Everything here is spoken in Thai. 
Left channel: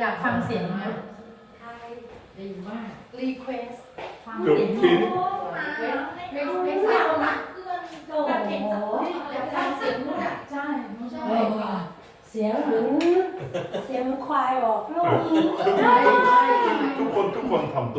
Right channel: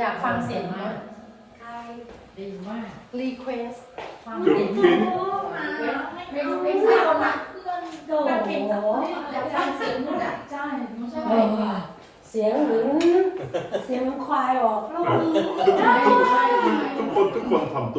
อยากฟังเสียงนะรีเควสฟัเสียงโอ้โหไม่รู้ไม่ทราบนะคือนโดดเห็นอยากฟังเสียงนู่นอ่ใช่ใช่เสียงเหมือนเสียงควายออกลูก ทุกคนทุกคนทำตัว